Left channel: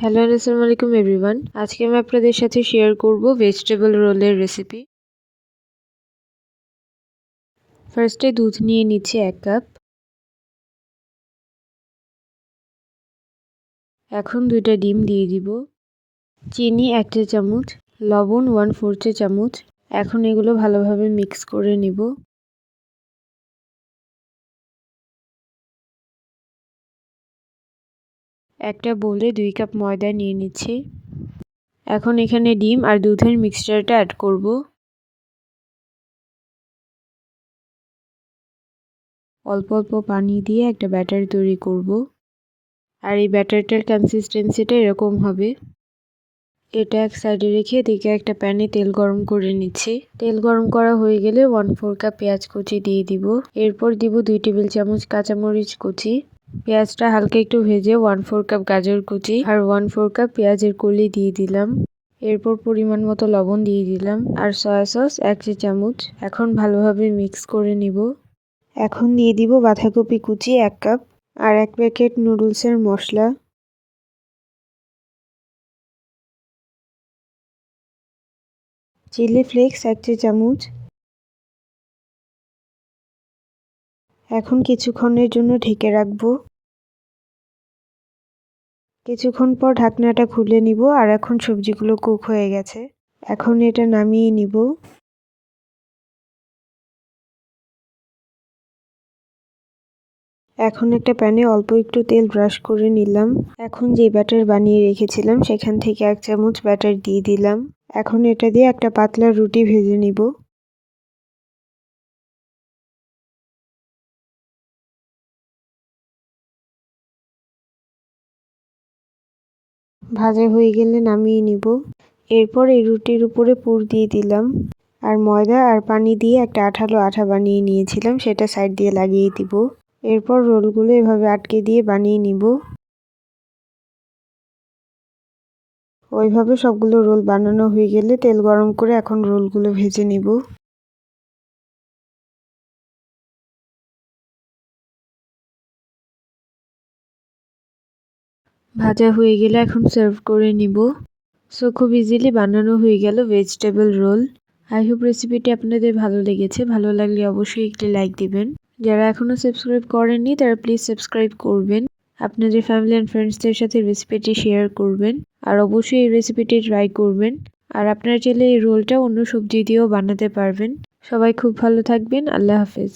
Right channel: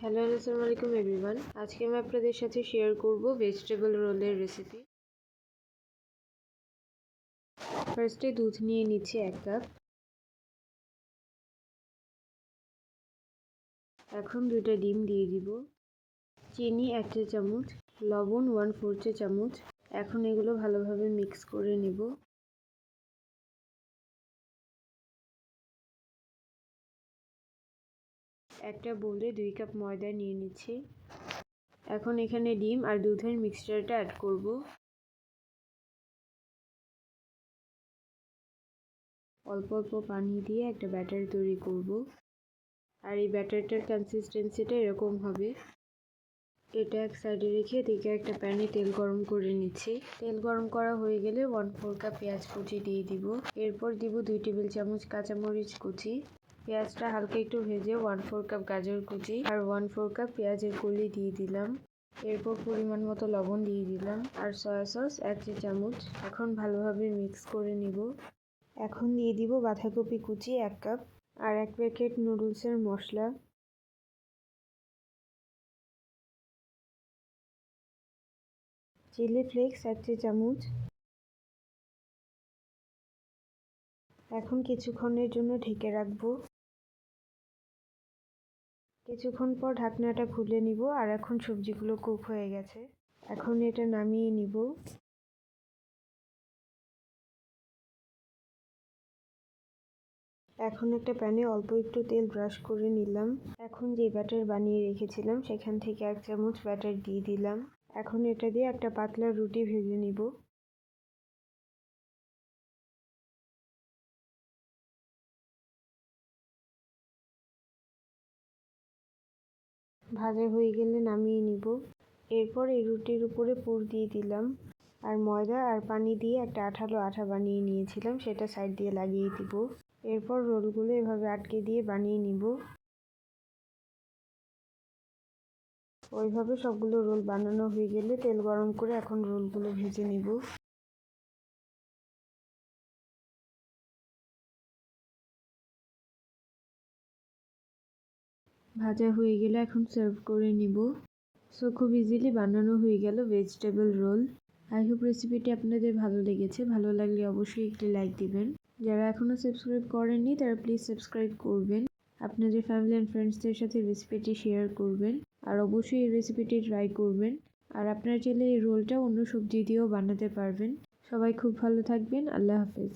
Hello আসসালামু আলাইকুম everyone. আজকে আমি আপনাদের সাথে শেয়ার করব ভেজিটেবল রোলের রেসিপি। ফার্স্টে দুধ নিয়ে নিচ্ছি 1 কাপ। এখন 2টা ডিম দিয়ে দিব, চিনি 1 চা চামচ, লবণ 1/4 চা চামচ। এখন এগুলো ভালোভাবে মিক্স করে নিব। একটা বোলে 2 কাপ ময়দা নিয়ে নিচ্ছি। এখন এখানে ডিম আর দুধের মিক্সচারটা অ্যাড করব। অল্প অল্প পানি দিয়ে একটা ব্যাটার তৈরি করব। আর এই ব্যাটারটার কনসিস্টেন্সিটা এরকম হবে। এটা এক সাইডে রেখে এদিকে একটা প্যানে তেল গরম করে নিচ্ছি। তেল গরম করা হয়ে গেলে 1/4 কাপ পেঁয়াজ কুচি দিয়ে দিব। এরপর দিব 2 টেবিল চামচ কাঁচামরিচ কুচি। পেঁয়াজটা হালকা একটু ভেজে 1/4 কাপ গাজর কুচি আর 1/4 কাপ পেঁয়াজের কলি দিয়ে দিলাম। এরপর পরিমাণ মতো লবণ দিয়ে দিলাম আর সয়া সস 1 চা চামচ। এখন ভালোভাবে মিক্স করে নিব। এখন দিয়ে দিব বাঁধাকপি কুচি 1 কাপ আর 1 প্যাকেট নুডলসের মশলা, চিলি ফ্লেক্স 1 চা চামচ। এখন কিছুক্ষণের জন্য ঢেকে রাখবো। কিছুক্ষণ পর ঢাকনাটা খুলে নিব আর এখন সবজিগুলো কুক হয়ে গেছে। এখন এটা নামিয়ে নিব। এখন একটা প্যানে অল্প একটু তেল ব্রাশ করে নিলাম। এখন যে ব্যাটার বানিয়ে রেখেছিলাম সেখান থেকে 1 চামচ ব্যাটার দিয়ে দিলাম। এখন এটা দিয়ে একটা পাতলা রুটি ভেজে নিব। ভাজা হয়ে গেলে নামিয়ে নিব। এরপর এই রুটির উপরে পুর দিয়ে দিলাম আর ময়দা আর পানি দিয়ে একটা আঠালো আঠা বানিয়ে নিয়েছিলাম সেটা সাইড দিয়ে লাগিয়ে দিব। এরপর রোলগুলো এভাবে আটকে দিয়ে বানিয়ে নিব। ওইভাবে সবগুলো রোল বানানো হয়ে গেলে তেল গরম করে এখন রোলগুলো ভেজে নিব। ভাজা হয়ে গেলে এখন সার্ভ করে নিব। সো খুব ইজিলি বানানো হয়ে গেল ভেজিটেবল রোল। আই হোপ রেসিপিটি আপনাদের ভালো লেগেছে। ভালো লাগলে অবশ্যই একটি লাইক দিবেন। যারা এখনও সাবস্ক্রাইব করেননি তারা প্লিজ সাবস্ক্রাইব করবেন। আপনাদের ফ্যামিলি অ্যান্ড ফ্রেন্ডসদের সাথে রেসিপিটি শেয়ার করবেন আর অবশ্যই এই রেসিপিটি ট্রাই করবেন। আর আপনারা চাইলে এই রোলটা অন্য সবজি দিয়েও বানাতে পারবেন। সবাই খুব ভালো থাকবেন। আল্লাহ হাফেজ।